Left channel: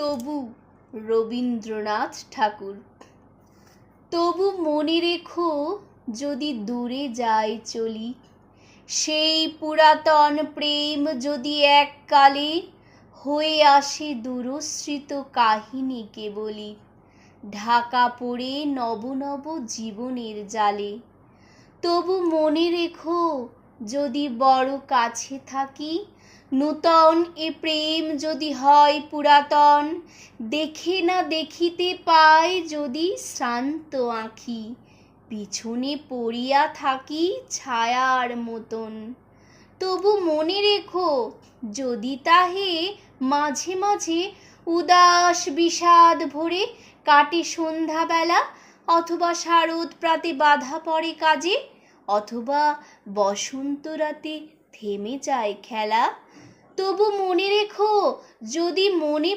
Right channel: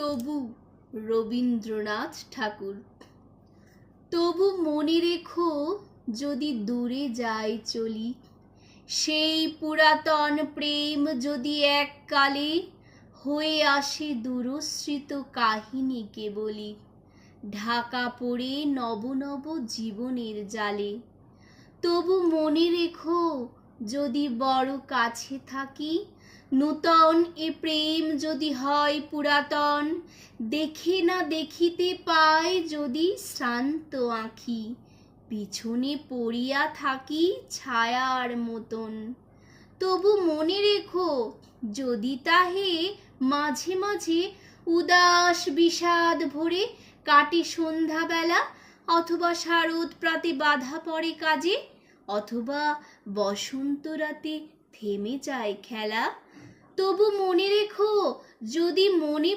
তবু রবীন্দ্রনাথ ঠাকুর। তবু মনে রেখো যদি দূরে যাই চলি, সেই পুরাতন প্রেম যদি এককালে হয়ে আসে দূরস্মৃত কাহিনীকে বলি, ঢাকা পড়ে নব নব জীবনের জালে। তবু মনে রেখো যদি বড় কাছে থাকি, নূতন এ প্রেম যদি হয় পুরাতন, দেখে না দেখিতে পাই যদি শ্রান্ত আঁখি, পিছনে পড়িয়া থাকি ছায়ার মতন। তবু মনে রেখো যদি তাহে মাঝে মাঝে উদাস বিষাদ ভরে কাটে সন্ধ্যাবেলা, অথবা শারদ প্রাতে বাধা পড়ে কাজে, অথবা বসন্ত রাতে থেমে যায় খেলা। তবু মনে রেখো যদি মনে